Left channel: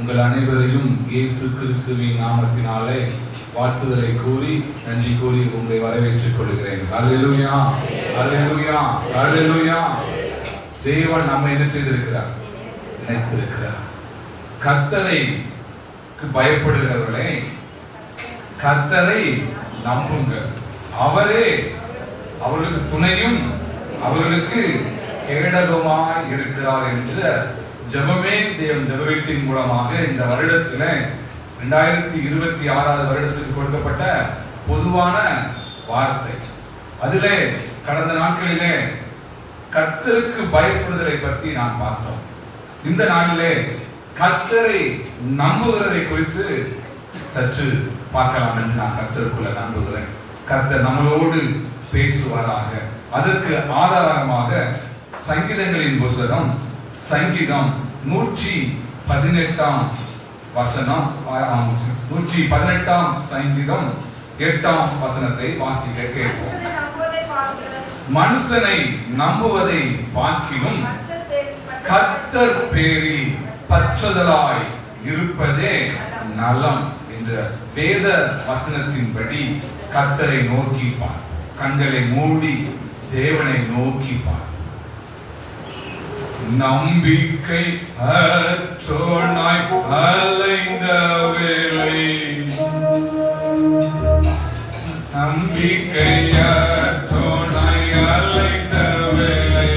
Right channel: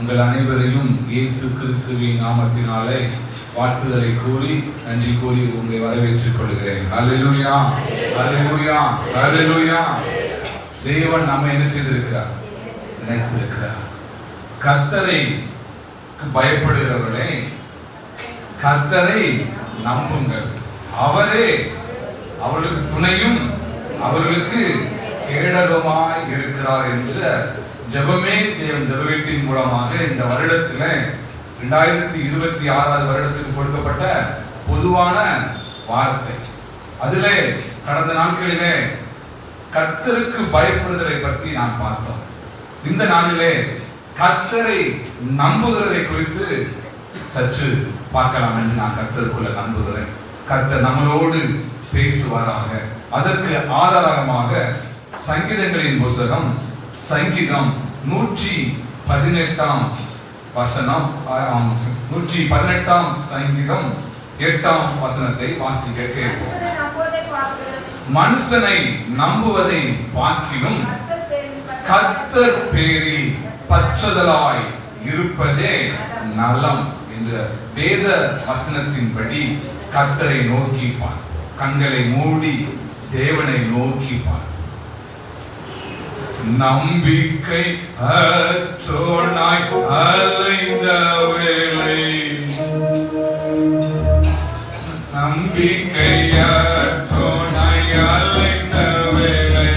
உங்கள் அனைவரையும் இயேசு கிறிஸ்துவின் நாமத்தினாலே வாழ்த்துதலை கூறி நன்றி கூறி உங்களை வரவேற்றுக் கொள்கிறேன். அல்லேலூயா, அல்லேலூயா, அல்லேலூயா. தேவன் நம்ம என்ன செய்திருக்கிறார்? நினைத்திருக்கிறார். கர்த்தரை பயப்படுகிறவர்களே, கர்த்தரை நம்புங்கள். அவரே அவர்களுக்கு துணையும் அவர்களுக்கு கேடகமாய் இருக்கிறார் என்ற ஜெபமே தேவன் ஜெப வீட்டின் மூலமாக இந்த வருடத்தில் 2026 வருடத்துக்கு கொடுக்கப்பட்ட பொதுவான வார்த்தை. அதிலே கடந்த நாட்களிலே கர்த்தருக்கு பயப்படுதலை பற்றி நான் பார்த்தோம். இந்த நாளிலே கர்த்தரை நம்புகிறதை குறித்து சற்று பார்க்கலாம் என்று நான் கர்த்தருக்குள்ள நம்புகிறேன். கர்த்தர் நம்மளோடு பேசுவாராக. அதற்கு ஆதாரமாக சங்கீதங்களின் புத்தகம் சங்கீதம் 118 வசனம் 118 சங்கீதம் 8 வசனத்தை வாசிக்க கேட்போம். மனுஷனை நம்புவதை பார்க்கிலும் கர்த்தர் பேரில் பற்றுதலாய் இருப்பதே நலம் என்ற வேத வசனத்தின்படி கர்த்தரை நோக்கி பார். கண்களை மூடி தேவனை நோக்கி பார். நம்பிக்கை அற்றோனாய் அலைந்த வேளை, நம்பிக்கை அற்றோனாய் அலைந்த வேளை,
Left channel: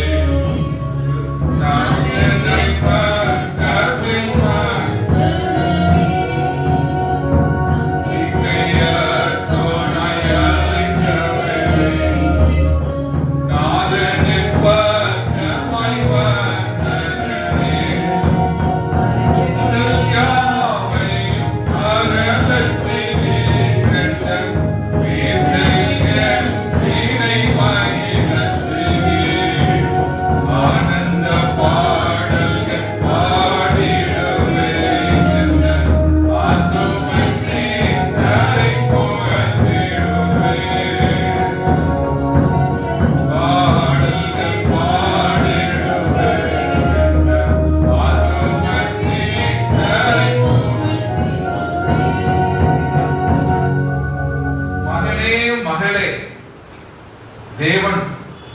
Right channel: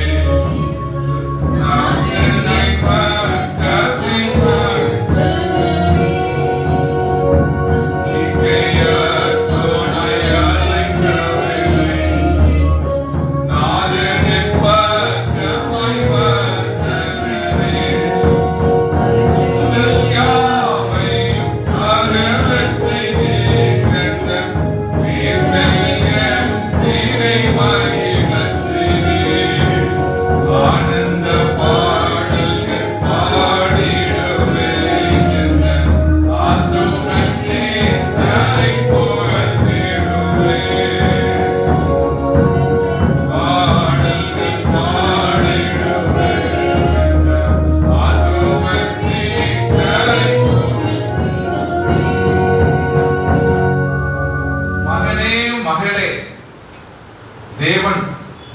தேவன்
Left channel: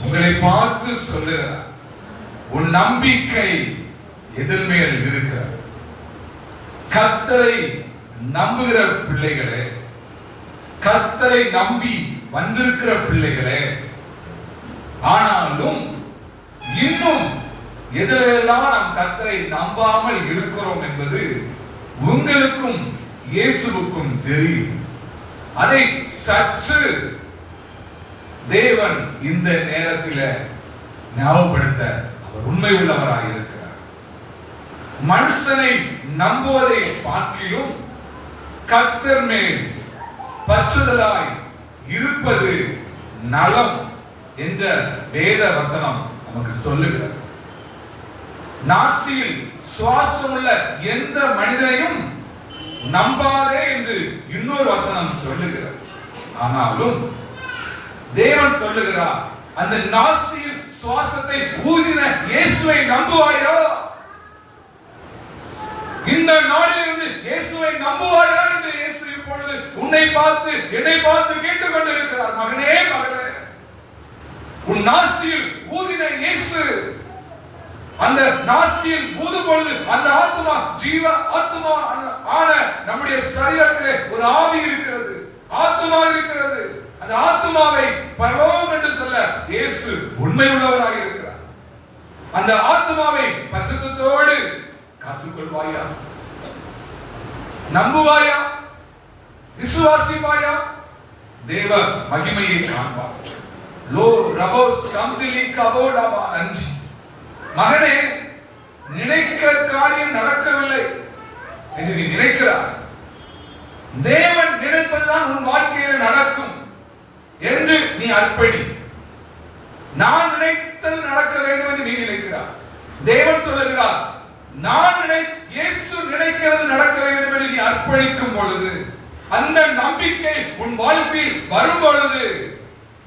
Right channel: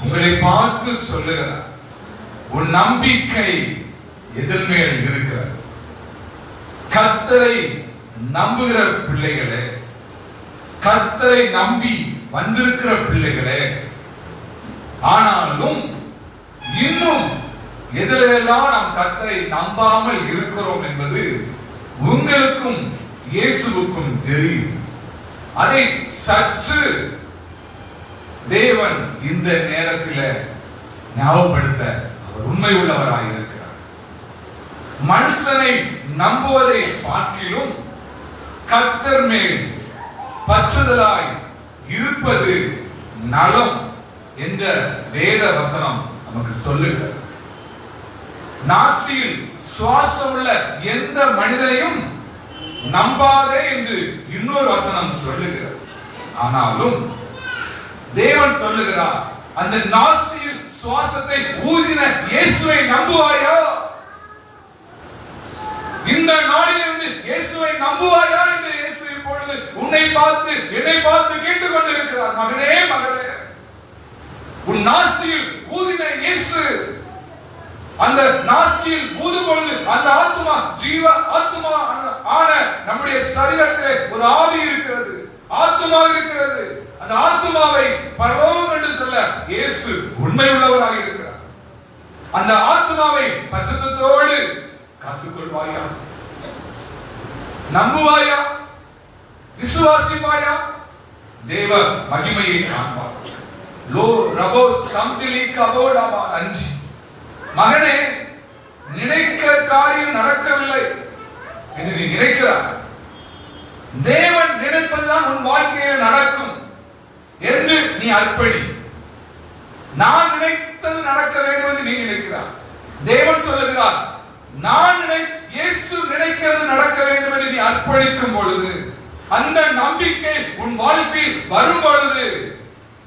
உங்களை பார்த்து சொல்லுகிறார், உன் நம்பிக்கை எதில் மேல் இருக்கிறது? கர்த்தரை நம்புகிற பிள்ளைகளே, கர்த்தரை நம்பி வந்திருக்கிற பிள்ளைகளே, ஆனாலும் இன்னும் எதிலெல்லாம் நாம் கர்த்தரை நம்பாமல் இருக்கிறோம் என்பது உங்களுக்கும் இயேசுவுக்கும் தெரியும். அதை சற்று தேவன் இந்த நேரத்தில் ஞாபகப்படுத்த அவர் உண்மை உள்ளவராக இருக்கிறார். மனுஷனை நம்புவதை பார்க்கிலும் கர்த்தர் மேல் பற்றுதலாய் இருப்பது நலம் என்ற வேத வசனம் நமக்கு சொல்லுகிறது. நாசியில் சுவாசம் உள்ள எந்த மனிதனையும் நம்பாதே என்று இன்னொரு வசனம் சொல்லுகிறது. ஆனாலும் தேவன் சொல்லுகிறார், அந்த நாசியில் சுவாசத்தை ஊதின இயேசுவை நம்புவாயா? இந்த நாளிலிருந்து இயேசுவை நம்புவாயா என்று இயேசு இப்பொழுது உன்னை பார்த்து என்னை பார்த்து கேட்டுக் கொண்டிருக்கிறார். மகனே, மகளே, உன் நாசியில் ஊதின இயேசு, அந்த நாசியில் ஊதும் பொழுது அந்த ஆத்மா ஜீவ ஆத்மா ஆன நம்முடைய சரீரத்திலே ஒரு ஆவி இருக்கிறது, ஆத்மா இருக்கிறது. அந்த ஆத்மாவை பரலோகம் என்று சொல்ல இயேசு உண்மை உள்ளவராக இருக்கிறார். அந்த ஆத்மாவை பரிசுத்தத்தோடு காத்துக்கொள்வாயா? நம்புவாயா? விசுவாசிப்பாயா? தேவ மகிமையை காண்பார். லோ ரபோ சம்திலி கபோடாபா அஞ்சி. மகனே, நினைக்க காரியம் நடக்கவில்லை என்று நீ நினைக்கிறார். தேவன் நினைப்பதுதான் உன் வாழ்க்கையில் நடக்கும் என்று நீ அர்ப்பணி. நான் நினைத்தது நடக்க வேண்டும் என்று நீ நினைக்கிறார். தேவன் சொல்லுகிறார், இயேசு நினைக்கிறது நடக்க வேண்டும் என்று நீ அர்ப்பணிக்கும் பொழுது, அந்த நம்பிக்கை உன் வாழ்க்கையில் வரும் பொழுது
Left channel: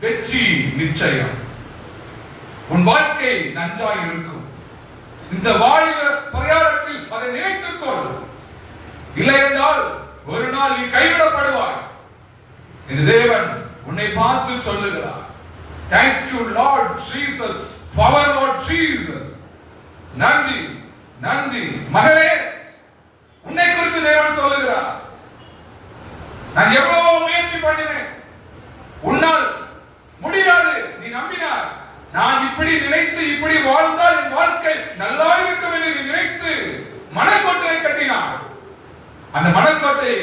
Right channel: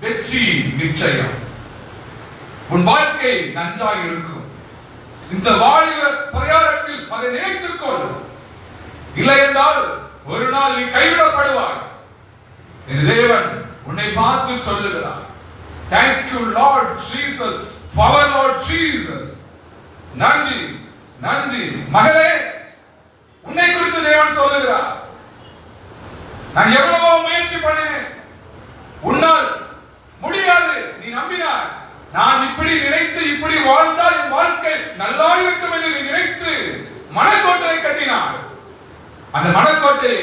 வெற்றி நிச்சயம். உன் வாழ்க்கை நன்றாக இருக்கும். இந்த வாலிப பிரயாணத்தில் அதை நினைத்துக்கொள். இல்லை என்றால் ஒரு நாள் நீ கைவிடப்படுவாய் என் தேவன் உன்னை பார்த்து சொல்லுகிறார். Thank you Lord Jesus, our Lord Jesus. நன்றி நன்றி மகளே, உன்னை குறித்து தேவன் சொல்லுகிறார். நான் எவ்வளவோ முயற்சி பண்ணினேன், உன்னால் முடியாது, நீ நம்பினாய். நான் இப்படி நினைத்து இப்படி வாழ்ந்தால் என் வாழ்க்கை நல்லா இருக்கும் என்று நினைத்து மனக்கோட்டை கட்டினார். அந்த மனக்கோட்டை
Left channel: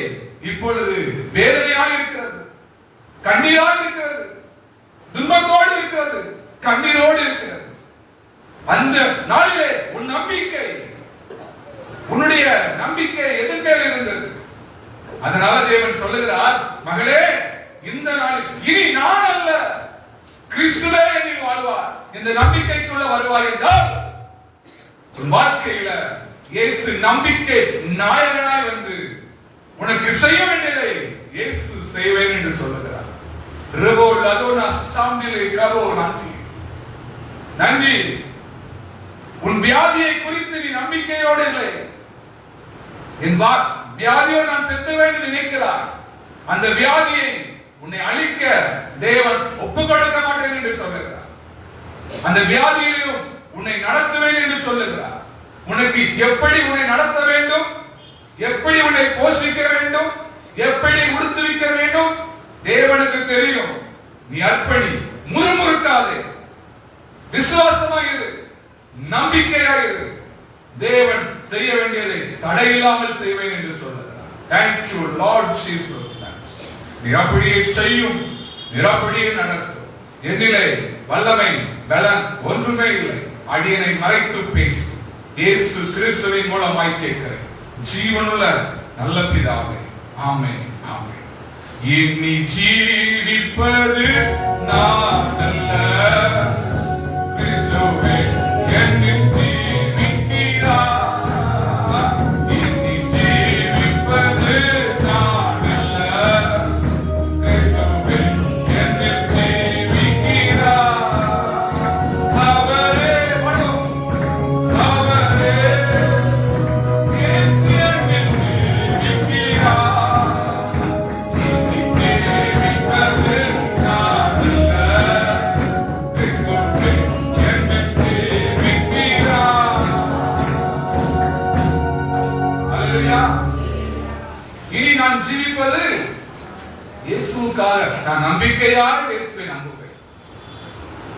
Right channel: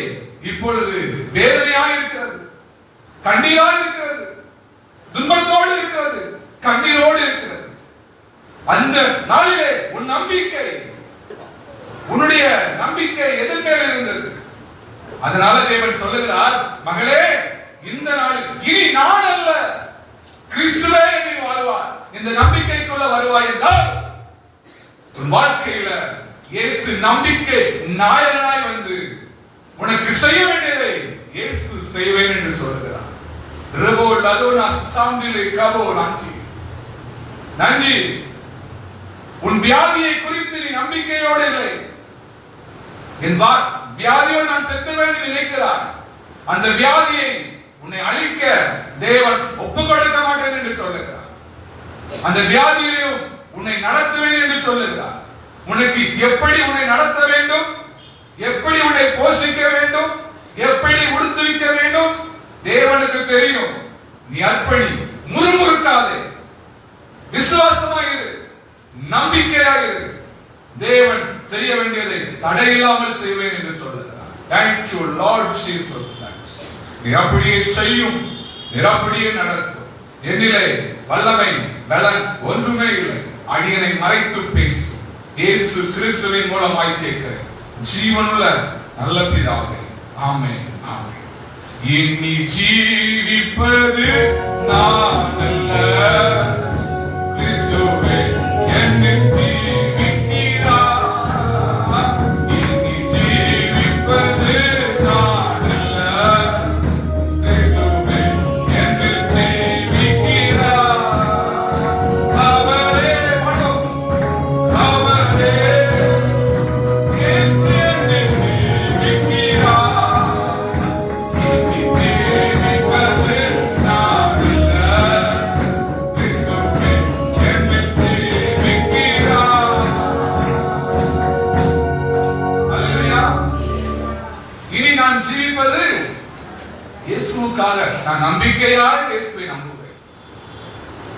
இப்பொழுது வேதனையாக இருக்கிறது, கண்ணீராக இருக்கிறது, துன்பத்தோடு இருக்கிறது, கண்ணீரோடு இருக்கிறது. அந்த நாளிலே உன் நம்பிக்கை, உன்னுடைய நம்பிக்கை எதன் மேல் இருந்தது? அதனால தேவன் சொல்லுகிறார், மகளே, இந்த நாளில் இனி நான் அல்ல, கிறிஸ்துவே நீ வாழ்வாய். இந்த நம்பிக்கைக்குள்ள வருவாய் என்றால் உன் வாழ்க்கையில இயேசு நம்பிக்கை நாயகனாய் வந்து உனக்கு செய்ய வேண்டியதை இயேசு செய்வேன் என்று சொல்லுகிறார். நன்றி. உன் வியாதியை குறித்து நீ நம்பிக்கையோடு இல்லை, என் வியாதியோடு நான் செத்துவேன் என்று நினைக்கிறாய். அந்த வியாதியை உன்னை அழிக்க தேவன் ஒப்புக் கொடுக்க மாட்டேன் என்று சொல்லுகிறார். அந்த வியாதியிலும் உன்னை நடத்துவேன் என்று சொல்லுகிறார். உனக்கு எப்படி உன்னை நடத்த வேண்டும், எப்படி உன்னை போஷிக்க வேண்டும், எப்படி உடுத்துவிக்க வேண்டும் தேவனுக்கு தெரியும். நீ அர்ப்பணி, முறுமுறுக்காதே, விசுவாசமாயிரு, நம்பிக்கையாயிரு. தேவன் செய்ய வேண்டியதை தடையில்லாமல் செய்வேன் என்று சொல்லுகிறார். Thank you Lord Jesus. நீ அப்படியே செய்யும், நீ அப்படியே நடத்தும். என்னிலே வல்லமை பலன் ஒன்றுமே இல்லை, அடியனை மறைத்து பேசும். இயேசு கிறிஸ்துவின் மூலமாய் கேட்கிறேன் ஜீவனுள்ள நல்ல பிதாவே, ஆமென் ஆமென். எண்ணி ஜீவிப்பது நான் அல்ல, கிறிஸ்துவே என்னில் ஜீவிக்கிறார். எண்ணி ஜீவிப்பது நான் அல்ல, கிறிஸ்துவே என்னில் ஜீவிக்கிறார். அவரே மனம், அவரே இயேசு என்னில் ஜீவிக்கிறார். எண்ணி ஜீவிப்பது நான் அல்ல, கிறிஸ்துவே என்னில் ஜீவிக்கிறார். அல்லேலூயா. இனி நான் ஜீவிப்பது இயேசுவுக்காக. நான் நம்பிக்கையாய் இயேசுவை நம்புவேன்.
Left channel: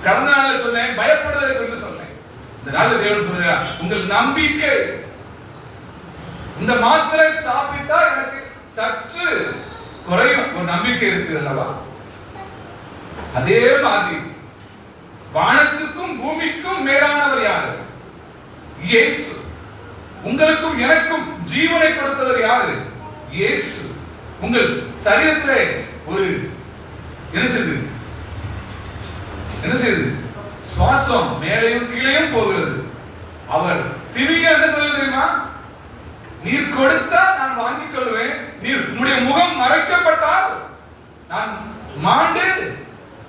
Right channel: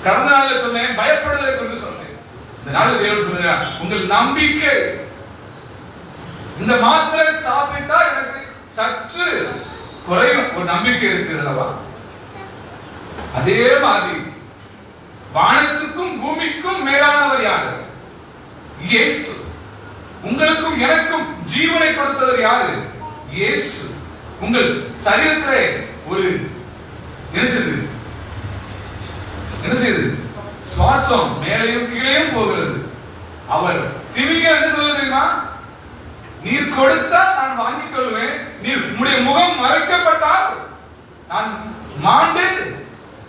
கடந்த நாளில் சொன்னேன், பயப்படுவதை குறித்து சொன்னேன். இந்த நாளில் தேவன் சொல்கிறார், உங்கள் நம்பிக்கை. இந்த மாத்திரை சாப்பிட்டா எனக்கு சற்று குறையும் ஒரு நம்பிக்கை இருக்குது அல்லவா? அதே மாதிரி வானத்துக்கும் பூமிக்கும் மேலானவர் யாரு? இயேசு. உங்களுக்கும் எனக்கும் ஜீவனை கொடுத்தவர் யாரு? இயேசு. உங்கள் சரீரத்திலே ஒரு என்ன செய்யுது? சுவாசம் மேலையும் கீழையும் போகிறது. அவர் திமிங்க என்ன சொல்லுது தெரியுமா? நீர் கொடுத்தால் நான் வாங்கிக் கொள்வேன், நீர் உம்முடைய முகம் மறைக்கப்பட்டால் நான் மாண்டு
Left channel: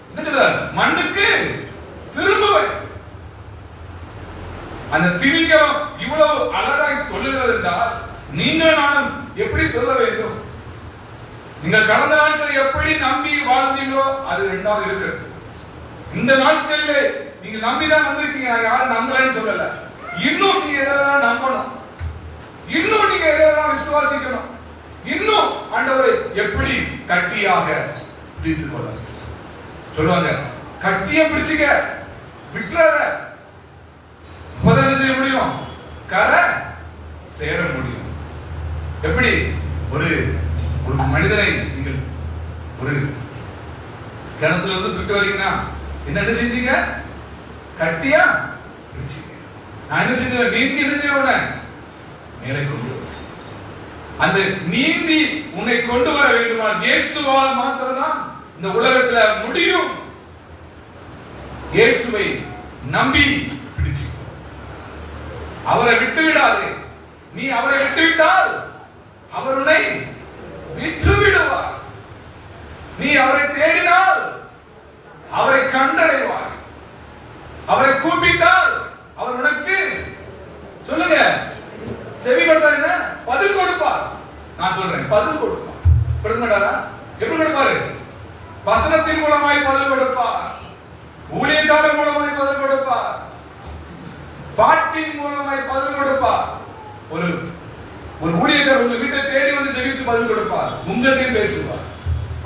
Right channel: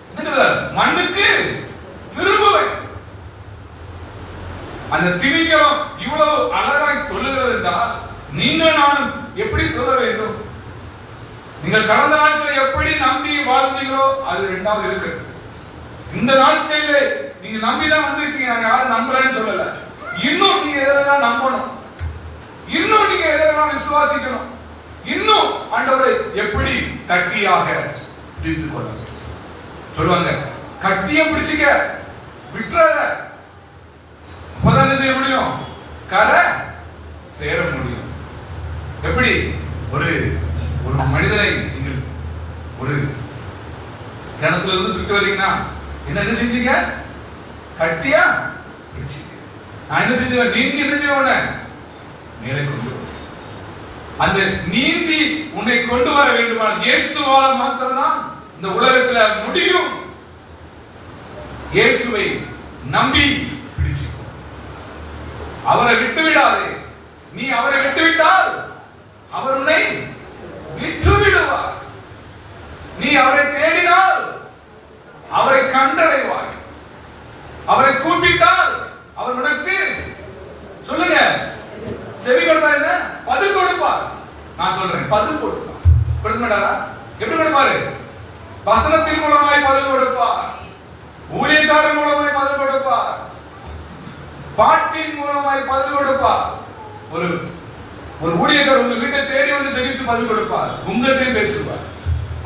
என்ன சொல்றார்? மண்ணுக்கு திரும்புவேன். அந்த திமிங்கலம் இவ்வளவு அழகாய் சொல்லுகிறது என்றால் நீங்கள் நானும் எப்படி சொல்ல வேண்டும்? நீங்கள் கடந்த நாட்களில் எப்படி நம்பி வாழ்ந்தீங்களோ அது இரண்டாவது இருக்கு. இந்த நாட்களிலே நீங்க நம்பிதான் வந்திருக்கீங்க, யாரும் நம்பலன்னு சொல்லல. இன்னும் நீங்க எதெல்லாம் நம்பணும், இன்னும் நீங்க எதெல்லாம் விசுவாசிக்கணும், இன்னும் ஆண்டவரை எப்படி கட்டியாக பிடித்துக் கொள்ள சொல்லுவாங்க. கட்டிய பிடிச்சுக்க, விட்டுறத. அப்பதான் என்ன செய்ய முடியும்? கரை சேர முடியும். எப்படி ஒரு ஒரு மனிதரை நீங்கள் ஒரு கிணத்துல இருந்து தூக்கி வரீங்கன்னா என்ன செஞ்சீங்க? கட்டியா பிடிச்சீங்க. நான் என்ன செஞ்சேன்? நீந்தி என்ன செய்வேன்? மேலே கொண்டு வர. அந்த நீந்தி உன்னை கொண்டு வர வேண்டுமானால் இயேசுவால் மாத்திரம்தான் இந்த உலகத்துல முடியும். இயேசுவை நம்பி பிடிச்சுக்கோ, அவரை விட்டு விடாதே. நீ அவரை விட்டு விட்டால் அவர் உன்னை விட்டு விடுவார். நீ அவரை தேடினால் அவரை கண்டடைவாய். அவரை கூப்பிட்டால் அவர் உனக்கு சொல்லுங்க செவி கொடுத்தார், என்ன பதில் கொடுப்பார். நான் சொல்றேன், பதில் கொடுப்பார். கொடுக்க மாட்டாரா? எப்படி கொடுப்பாரு? வசனத்தின் மூலமாய் பதில் கொடுப்பார், ஊழியக்காரன் மூலமாய் பதில் கொடுப்பார், பாட்டின் மூலமாய் பதில் கொடுப்பார். ஒரு ஒரு ஊழியக்காரர் உங்க வீட்டை தேடி வந்து ஜெபித்து பதில் கொடுப்பார், உங்கள்கிட்ட பேசுவார்.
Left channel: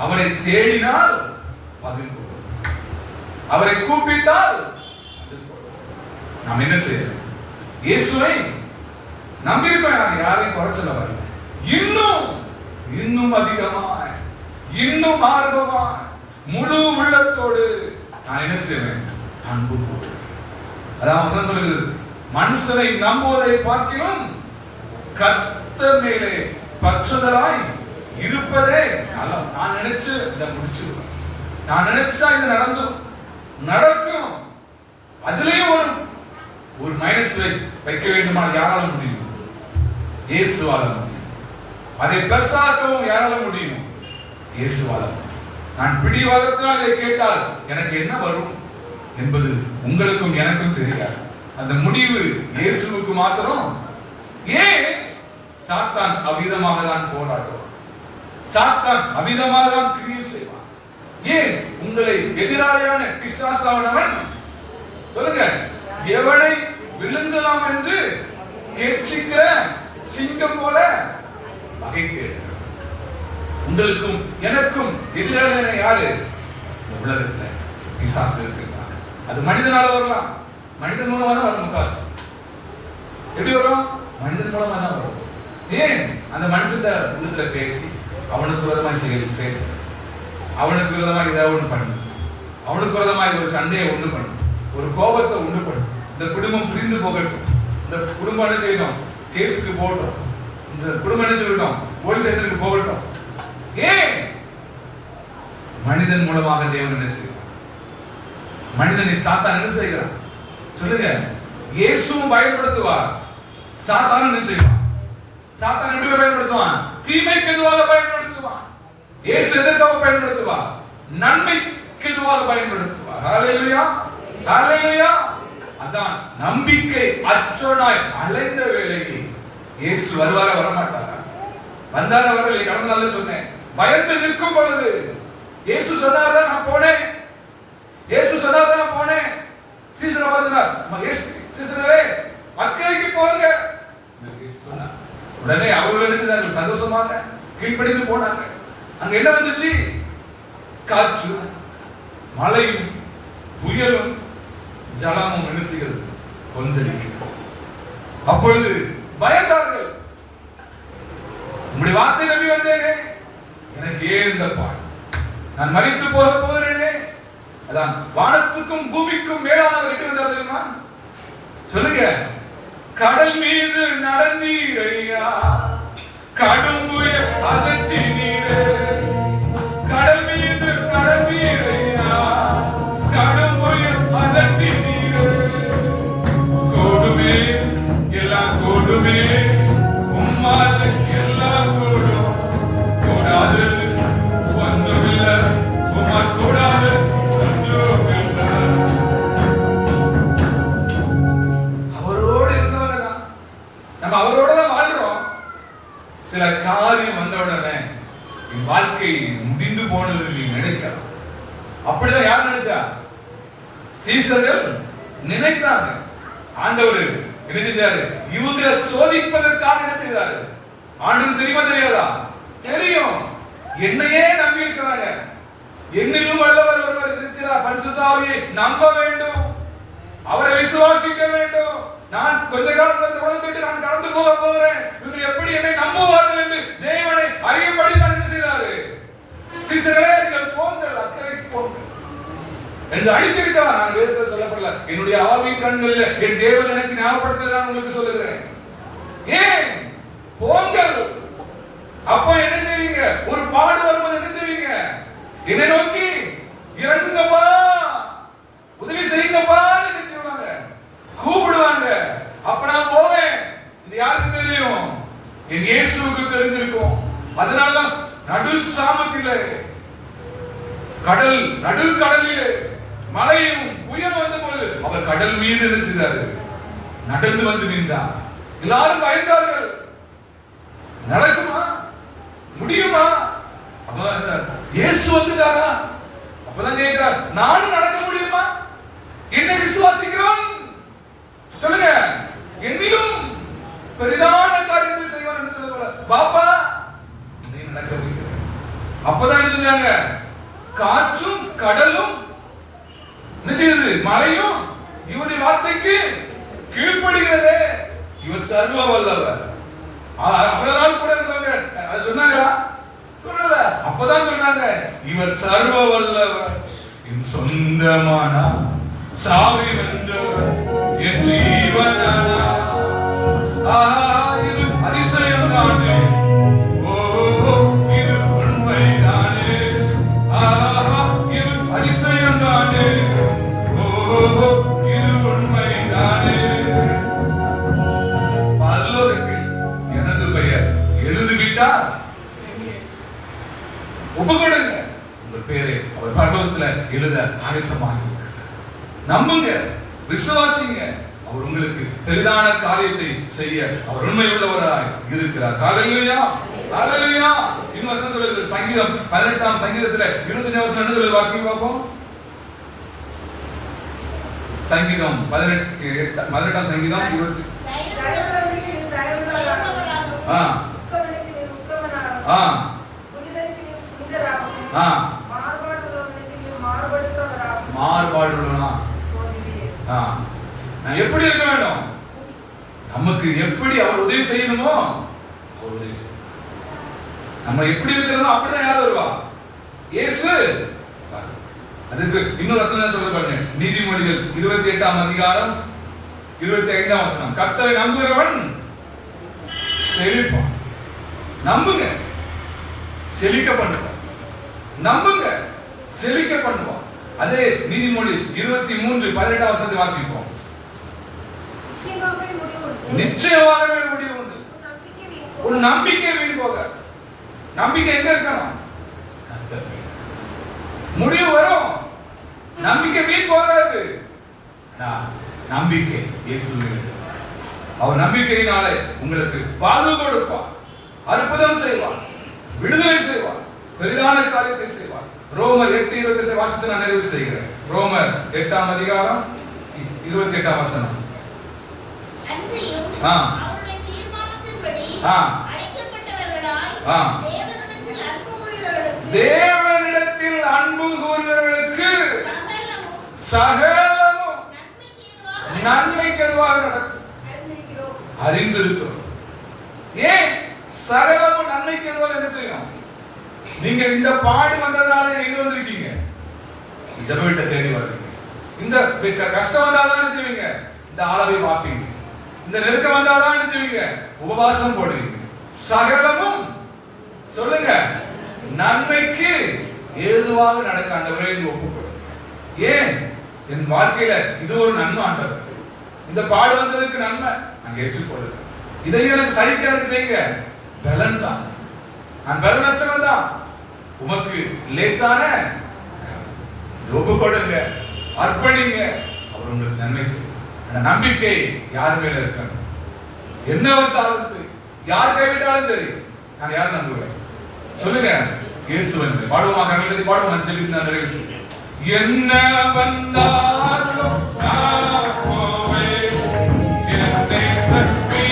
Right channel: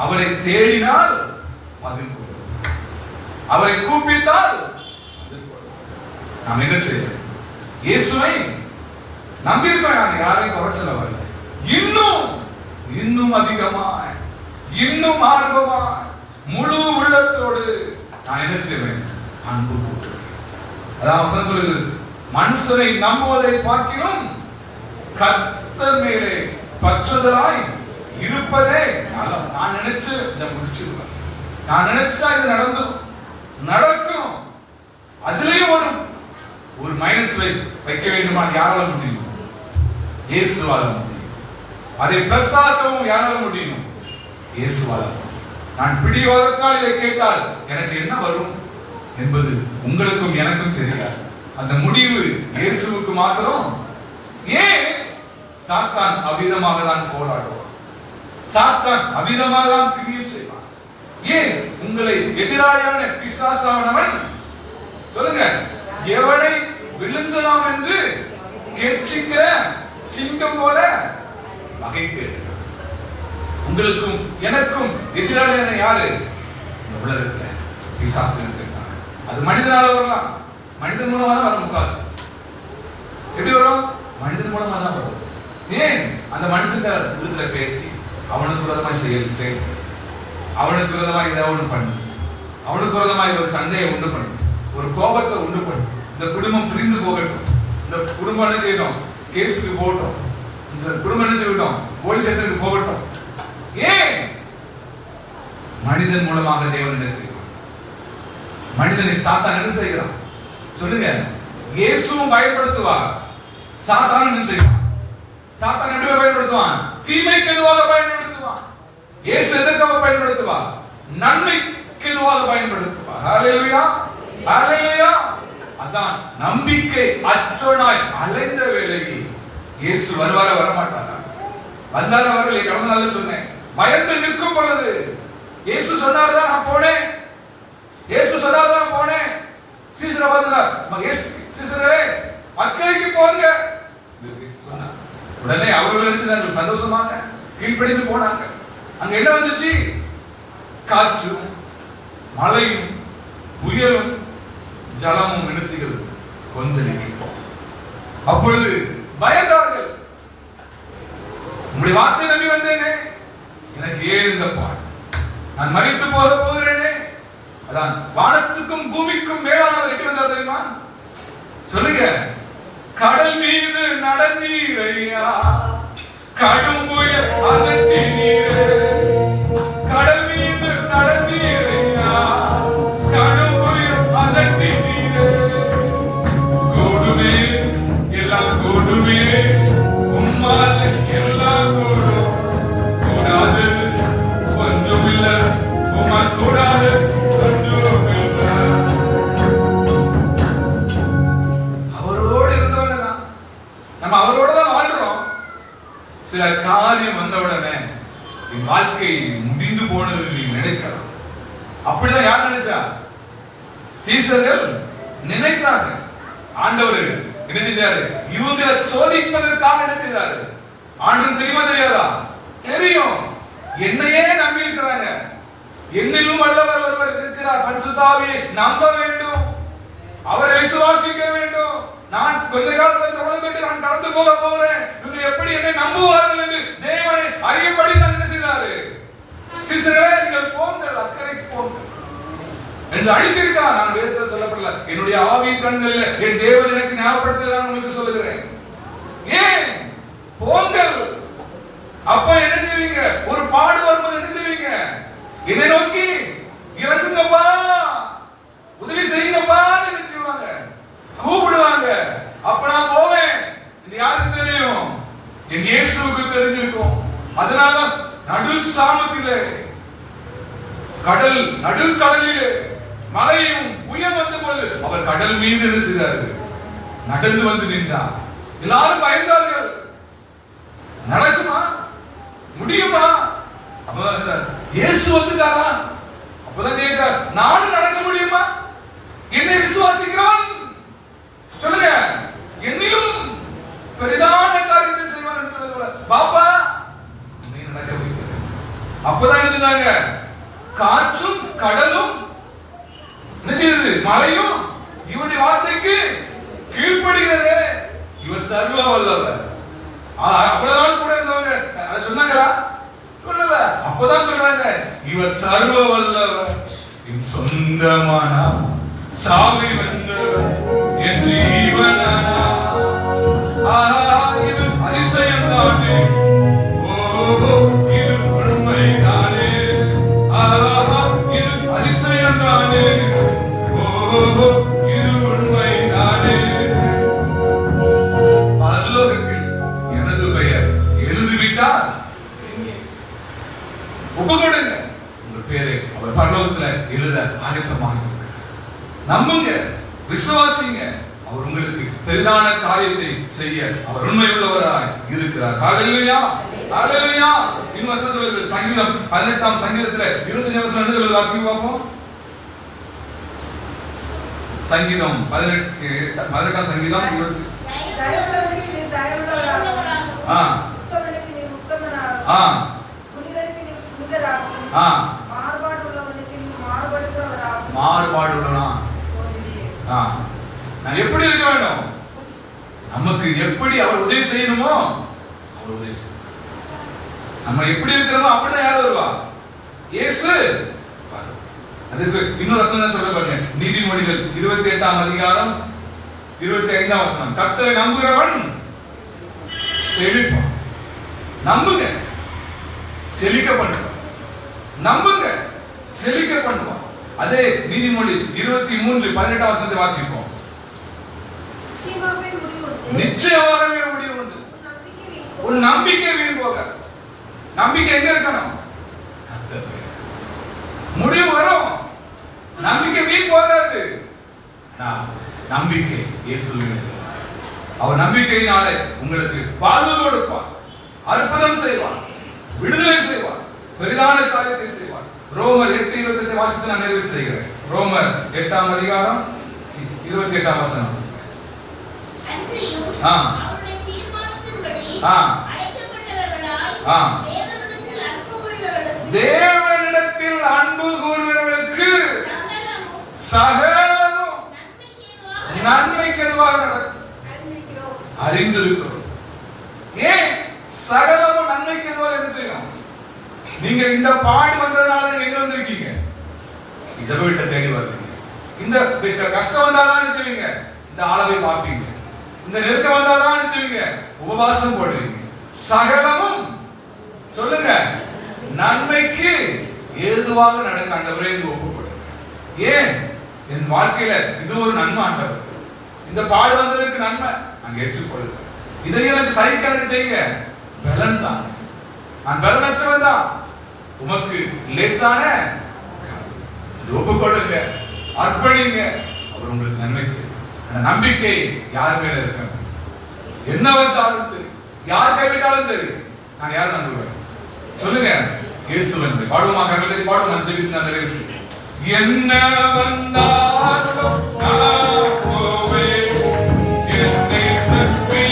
அவரை தேடினால் பதில் கொடுப்பார், அவரை கூப்பிட்டால் நாம் என்ன செய்யணும்? இயேசுவை நம்பியிருப்பேன், நான் யாரையும் குறை சொல்ல வரல. இன்னும் அதிகமாய், இன்னும் ஆர்வமாய், முழு உள்ளத்தோடு நான் என்ன செய்வேன்? அன்பு கூறுவேன். அதான் வசனம் சொல்லுது, மனுஷனை நம்புவதை பார்க்கிறோம் கர்த்தர் மேலே பற்றுதலாய் இருப்பதே நலம். நான் நினைச்சு இதை முடிச்சிருவேன், நான் நினைச்சா இது நடக்கும். அதுலயும் ஒரு மைனஸ் வைக்க வேண்டுமான யாரால முடியும்? இயேசுவால முடியும். அதை பிளஸ் ஆக்கவும் யாரால முடியும்? இயேசுவால. நான் பிடிவாதத்தால் இதை கேட்டால் எனக்கு என்ன வரும் என்பது உங்களுக்கும் எனக்கும் தெரியாது. அந்த முடிவு இயேசுவுக்கு மாத்திரம். ஏன்? சாத்தான் அவிதமாக தான் போராடுவான், சாத்தான் அவிதமாக தான் கிரியை செய்வான். ஏன்? உங்களை எதிராளியான பிசாசானவன் சொல்லுங்க, எவனை விழுங்கலாம் என்று கேட்சிக்கிற சிங்கம் போல வகைக்கு. உங்களுக்கும் எனக்கும் எதிராளியான யாரு? உலகத்துல பிசாசு இருக்காங்க. அது மனிதனால வரலாம், மனிதன் மூலமா தான் வரும். முக்காசு எப்படி வரும்? மனிதன் மூலமா தான் வரும். ஏன்? அந்த மனுஷன் உள்ளத்துல பேசி அவனுக்கு விரோதமாய் செயல், அவனுக்கு விரோதமாய் ஏதாவது ஒண்ணு பண்ணு, அவனுக்கு விரோதமாய் ஒரு சண்டையை உண்டு பண்ணு, ஒரு கோபத்தை உண்டு பண்ணு. இந்த குடும்பம் பிரிந்து போகட்டும், இந்த குடும்பம் என்ன செய்யணும்? கேஸுக்கு போகட்டும், இந்த குடும்பம் என்ன செய்யட்டும்? போலீஸ் ஸ்டேஷனுக்கு போகட்டும். ஏன்? மனிதன் மூலமாக தேவன் என்ன செய்வான்? மனிதனை சாத்தான் என்ன செய்கிறான்? சொல்லுங்க. இயேசுவும் பயன்படுத்துவார், சாத்தான் என்ன செய்வான்? சாத்தான் எப்படி பயன்படுத்துவான்? தீமைக்கு எதுவாக பயன்படுத்துவான். இயேசு எதற்காக பயன்படுத்துவார்? நன்மைக்கு எதுவாக பயன்படுத்துவார். ஹல்லேலூயா, ஹல்லேலூயா. அதான் நம்பிக்கை அற்றோனாய் அலைந்த வேளையில் இயேசு வருவாரா வரமாட்டாரா? வந்தாரா வரவில்லை? கடந்த நாள்ல சொன்னேன், பயந்து நிற்கும் பொழுது இயேசு சொன்னார், நான் போனேன். இயேசு சொன்னார், நான் போனேன். சீசரை பார்த்தார், சீசரே அக்கறைக்கு போங்க. உடனே அவர்கள் இருந்து சந்தோஷமாக கீழ்ப்படிந்து போனாங்க. அங்க என்ன வந்துச்சு? காற்றும் மழையும் புயலும் ஜலமும் என்ன செய்கிறது? கொந்தளிக்கும். அப்பொழுது பயந்தார்கள். உங்களுடைய வார்த்தை நம்பி வந்தேனே, எனக்கு ஏன் இந்த பாடு? நான் மரித்து போக போகிறேனே. அதான் வானத்துக்கும் பூமிக்கும் மேலானவர் எட்டு வந்தார் தெரியுமா? சொல்லுங்க. கடல் மீது நடந்தீரையா, கடும் புயல் அதட்டினீரே. கடல் மீது நடந்தீரையா, கடும் புயல் அதட்டினீரே. கூடுமே எல்லாம் கூடுமே, உம்மால எல்லாம் கூடும். கூடாது ஒன்றுமில்லை, உம்மால் கூடாது ஒன்றுமில்லை. அவரோடு இருந்தவனதான் நம்ம அவரோட தான் வாழ்றோம். சில காரியம் வந்தவுடனே என் வாழ்க்கை முடிந்து போனது நீங்க நினைக்கலாம். அப்படிதான் யார் நினைச்சா? சீசர்கள் நினைத்தாங்க. ஆண்டவர் என்ன செஞ்சாரு? இவங்களை சோதிப்பதற்காக என்ன செய்தாரு? ஆண்டவர் தெரியுமா தெரியாதா? தெரியும். என்னையே நம்பி இருக்கிறாங்க. என்னிலும் வல்லவர் ஒருவர் இருக்கிறார், பரிசுத்த ஆவியை நம்ப வேண்டும், அவரை விசுவாசிக்க வேண்டும். நான் கொஞ்ச காலத்துல இந்த உலகத்தை நான் கடந்து போக போகிறேன், இவங்க எப்படி என்னை நம்புவார்கள் என்று தேவனை அறியும்படி தான் என்ன செய்தாரு? சீசர்களே, நீங்கள் போங்கள், அக்கறைக்கு போங்கள் என்று அழைத்திருக்கிறார். நான் வேதத்தில் சொல்லப்படல, என்னுடைய ஆவி கண்களில் என் தேவன் எனக்கு ஞாபகப்படுத்த நான் உங்களுக்கு சொல்லுகிறேன். ஏன் போங்கள்? அப்ப என்ன செய்வீங்க? ஒரு பாடு வரும்போது என்ன செய்வீங்க? என்னை நோக்கி இறங்குங்கப்பா, உதவி செய்யுங்கப்பா என்ன செய்வாங்க? கூப்பிடுவாங்க. அப்ப நான் போவேன். இது யாருக்கு தெரியும்? என் இயேசுவுக்கு தெரிஞ்சிருக்கும். அதனால நடு சாமத்திலே, கடல் நடுக்கடலிலே மலையும் புயல் வந்த பொழுது அவர் கடல் மீது என்ன செய்தார்? நடந்து வந்து நின்றார். எல்லாரும் பயந்தார்கள். நடக்குமா? முடியுமா? இயேசு வந்துட்டாரா? அப்பதான் கேட்கிறார், நானும் நடக்க முடியுமா? என்னை விசுவாசிக்கிறவன் சொல்லுங்க, என்னிலும் பெரிதான காரியத்தை செய்வான் என்று சொன்னது போல பாப்பா நீ நடக்க முடியும். அப்பதான் எழுதினாங்க, காற்றும் கடலும் என்ன செய்யுது? மலையும் இவருடைய வார்த்தைக்கு கீழ்ப்படுகிறது. இவர் சர்வ வல்லவர். அவ்வளவு நாள் கூட இருந்தவங்க அதை சொன்னாங்களா? சொல்லல. அப்பதான் சொல்றாங்க, இவர் சர்வ வல்லவர், என் சொந்தமானா சாவி வென்றவர், என் ஜீவனானா. இது அதிசயம் தானே, இது உண்மை தானே, இது அதிசயம் தானே, இது உண்மை தானே. பரலோகத்தில் எனது பெயர் எழுதிவிட்டார், ஒப்புக்கொடுங்க, உங்க பேரை அவர் பரலோகத்துல எழுத ஆயத்தமாக இருக்கிறார். நம்புங்க, விசுவாசிங்க, அவர் உங்களுக்கு பெரிதான காரியத்தை செய்ய அவர் உண்மை உள்ளவராய் இருக்கிறார். ஹல்லேலூயா, ஹல்லேலூயா. இன்னும் வசனம் சொல்லுது, சங்கீதம் 18ஆம் சங்கீதத்துல 25ஆம் வசனம் வாசிக்க பார்ப்போம். சங்கீதம் 18ஆம் சங்கீதம் 20. மாறுபாடுள்ளவனா நான் எப்படி இருக்க வேண்டும்? நமக்கு எப்படி அவர் உதவி செய்யணுமோ அவர் உதவி செய்யணும். நம்ம எப்படி இருக்கிறோமோ அப்படிதான் யார் வருவா? இயேசு. அதுக்கு இன்னொரு வசனம் சொல்ல பாருங்க, நீதிமொழிகள் 28ஆம் அதிகாரம் 25ஆம் வசனம், கர்த்தரை நம்புகிறவன் செழிப்பான். நம்புங்க, செழிக்க பண்ணுவான். நம்புங்க, செழிக்க பண்ணுவான். அதே நீதிமொழி 23:18 வசனத்தை வாசிப்போம். நிச்சயமாகவே முடிவு உண்டு. உன் நம்பிக்கை வீண் போக. நம்பிக்கை எங்க இருக்கணும்? முடிவு வரும், நம்பிக்கை வீண் போகாது. நம்பிக்கை இயேசுவில். அவர் நம்பிக்கையினாலே உங்களுக்கு வாழ்வு கொடுப்பார், அற்புதம் செய்வார், விடுதலை செய்வார், பெரிதான காரியத்தை செய்வார். ரோமர் 8:28 வாசித்து நான் நிறைவு செய்கிறேன். ரோமர் 8ஆம் அதிகாரம் 28ஆம் வசனம். அவருடைய தீர்மானத்தின்படி அழைக்கப்பட்டவர்களாய் தேவனிடத்தில் அன்பு கூறுகிறவர்களுக்கு சகலமும் நன்மைக்கு எதுவாக நடக்கும் அறிந்திருக்கிறோம். ஏன் சகலமும் நன்மைக்கு எதுவாக என்ன செய்யும்? நீங்க இந்த பாடு வந்ததுனால எங்க வந்திருக்கீங்க? இதை விட்ட தேடி வருவீங்க. இந்த கஷ்டம் வந்தாதான் என்ன செய்வீங்க? இந்த ஆளவை பார்ப்பீங்க. இந்த நெருக்கம் வந்தாதான் என்ன செய்வீங்க? உபவாசம் போடுவீங்க. சகலமும் சொல்லுங்க நன்மைக்கு ஏதுவாக நடக்க ஆண்டவரே ஒப்புக்கொடு. ஏன் என் வாழ்க்கையில இது ஒரு நன்மை ஆண்டவர், இந்த பாடு வந்ததற்கு நன்மை நான் ஏற்றுக்கொள்ளுங்க. இதை எனக்கு சகிக்கிறது செய்யுங்க. பலன் தான், நான் பலனற்றவன் தான். உமக்கு லேசான ஒப்புக்கொடுங்க, அர்ப்பணிங்க, அவர் உங்களுக்கு நன்மை செய்யும். அந்த நம்பிக்கை யார் மேல இருக்க? என்ன வந்தாலும் சரி, யார் கைவிட்டாலும் சரி, நான் யார் நம்புவேன்? சொல்லுங்க, இயேசுவன். பாடுவோமா? கவிதை பாடுவோம். அந்த வீட்டில் நான் நிறைவு செய்ய. என்ன வந்தாலும் நான் போவேன், என்னை தப்பி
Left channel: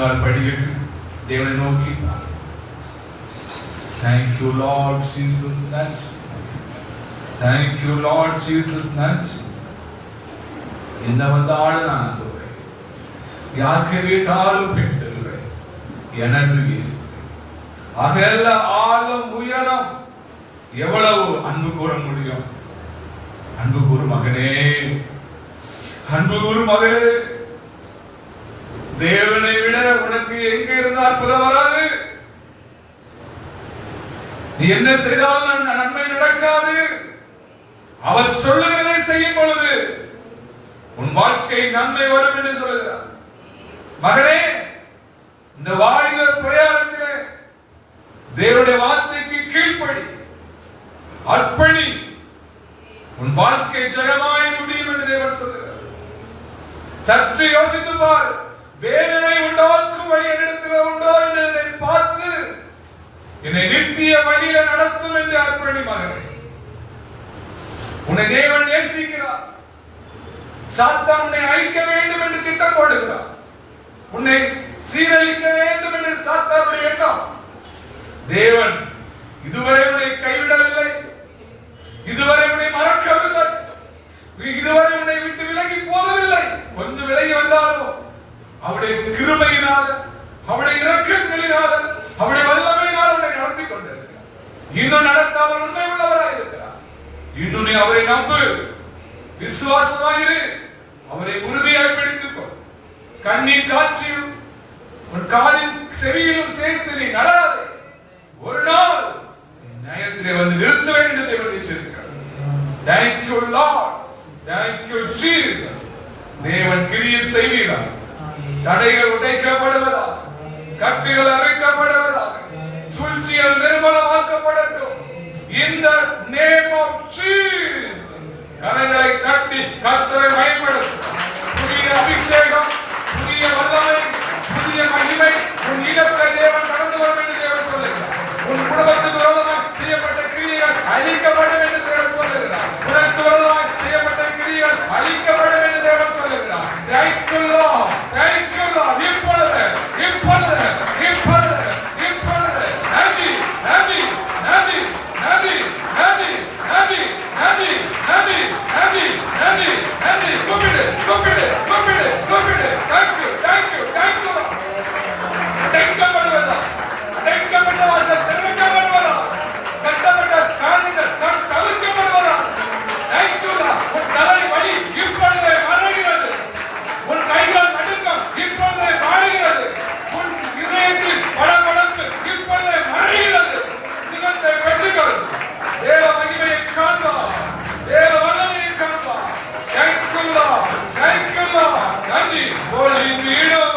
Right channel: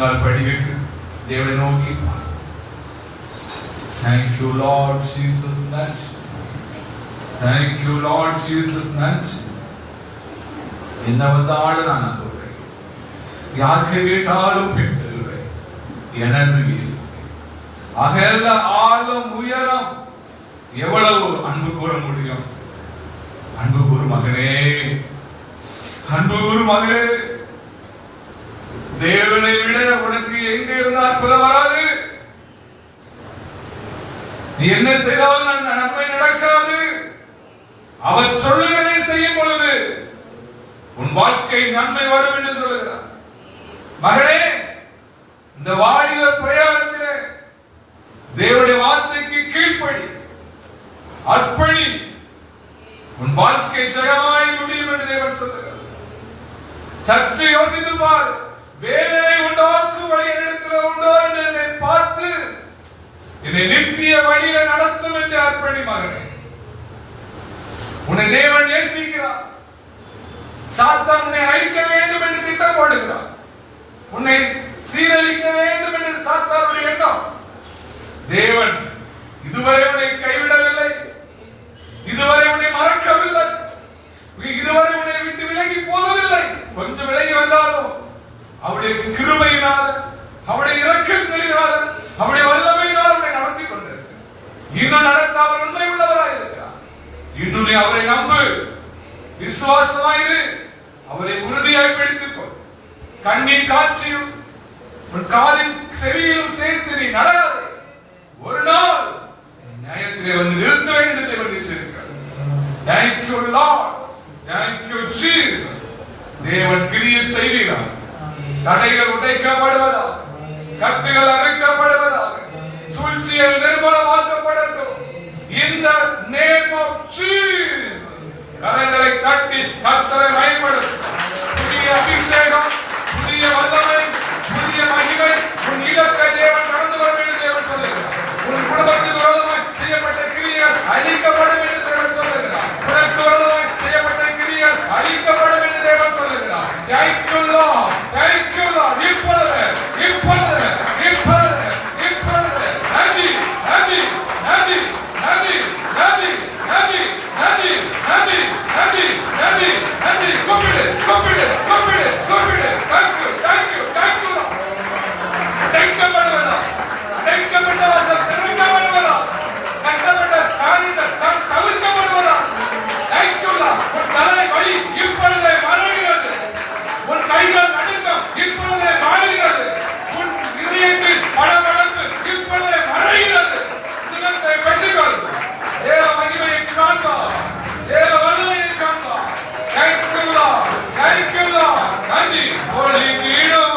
முழங்கால் படிவிட்டு தேவனை நோக்கி Thank you Lord Jesus நன்றி. Thank you Lord Jesus நன்றி. என்ன வந்தாலும் நான் நம்புகிறேன். யாருக்கு கேட்டாலும் பின் செல்வேன். எனது இயேசு. அகல ஆழம் உயரம் எவ்வளவு அன்பு கூற முடியும்? அன்பு கூறு மகனே, அன்பு கூறு மகனே, தேவனை விட உனக்கு எங்க இருந்தால் அற்புதம் வராது. நீ என்ன செய்தாலும் நன்மை நடக்காது. அவர் சொல்லுகிறதை செய்யும் பொழுது உன் வாழ்க்கை நன்மை வரும் என்று சொல்லுகிறார். மகனே, இந்த வாலிப பிரயாணத்திலே தேவனுடைய வார்த்தைக்கு கீழ்ப்படி, அர்ப்பணி, உன் வாழ்க்கை ஜெயமாய் முடியும் என்று தேவன் சொல்லுகிறார். சற்று யோசித்து பார். வேதனை உண்டாக்கும் வழி என்னிடத்தில் உண்டோ என்று என்னை பார்த்து என்னை நித்திய வழியில நடத்தும் என்று அர்ப்பணி மகனே. உன்னை தேவன் நேசிக்கிறார். சாத்தான் உன்னை அழிக்க வேண்டும் என்று திட்டம் போடுகிறார். உன்னை சீரழிக்க வேண்டும் என்று சாத்தானுடைய எண்ணம். தேவன் இதுவரை உன்னை கைவிடவில்லை, இதுவரை உன்னை மறக்கவில்லை, இதுவரை உன்னை விட்டு விலகி போகவில்லை. கொஞ்சம் விலகி வந்தாலும் அவருடைய கிருபையினால, அவருடைய இரக்கங்களினால, அவருடைய வல்லமையினால் உன்னை நடத்தி கொண்டிருக்கிறார். இன்னும் நடத்த அவர் உண்மை உள்ளவராய் இருக்கிறார். இன்னும் நீ அவரை நம்பு, விசுவாசமாயிரு, அவரை உறுதியாய் பிடித்துக்கோ. கண்ணின் காட்சியும் உன் காலின் செவியிலும் சேர்த்து நீ நடக்காதே. ஒரு நாள் நியாயத்திலே வந்து நிறுத்துவேன் என்று தேவன் நிச்சயிக்கிறார். Thank you Lord, thank you Jesus. தேவன் கிரியை செய்கிறார். தடைகள் உடைக்கப்படுவதாக, கட்டுகள் அறுக்கப்படுவதாக, சூழ்ச்சிகள் நிர்மூலமாக்கப்படட்டும். In the name of Jesus. கரங்களை தட்டி கர்த்தரை மகிமைப்படுத்து. புதிய அபிஷேகம், புதிய வல்லமை, புதிய மகிமை உன் இல்லத்தை தேவன் கடந்து வரும் என்று தேவன் சொல்லுகிறார். உன் குடும்பத்துக்கு விரோதமாய் செய்யப்பட்ட கிரியைகள் அழிக்கப்படும் என்று தேவன் சொல்லுகிறார். உனக்கு விரோதமாய் செய்யப்பட்ட கிரியைகள் அழிக்கப்படும் என்று தேவன் சொல்லுகிறார். Thank you Lord, thank you Lord. இப்பொழுது இப்பொழுது இப்பொழுது இப்பொழுது நன்றி நன்றி நன்றி நன்றி நன்றி நன்றி நன்றி நன்றி நன்றி நன்றி நன்றி. கூப்பிடு கூப்பிடு கூப்பிடு கூப்பிடு. Thank you thank you thank you Lord. அடைக்கப்படுவதா, அடைக்கப்பட்ட வாசல் திறக்கப்படுவதா, கட்டப்பட்ட காரியங்கள் தவிர்க்கப்படுவதா. Thank you Lord. உன் தலை வலி இப்பொழுதே மறைகிறது. உன் கைகள் நடுக்கம் இப்பொழுதே மாறுகிறது. உன் இதயத்தின் படபடப்பு இப்பொழுதே மறைகிறது. சிலத்தை வெட்டுகள் தேவ மகிமையை காண்பார், தேவ வல்லமையை காண்பார். Thank you Lord, thank you Lord. நன்றி. ஒளிக்கு இடம்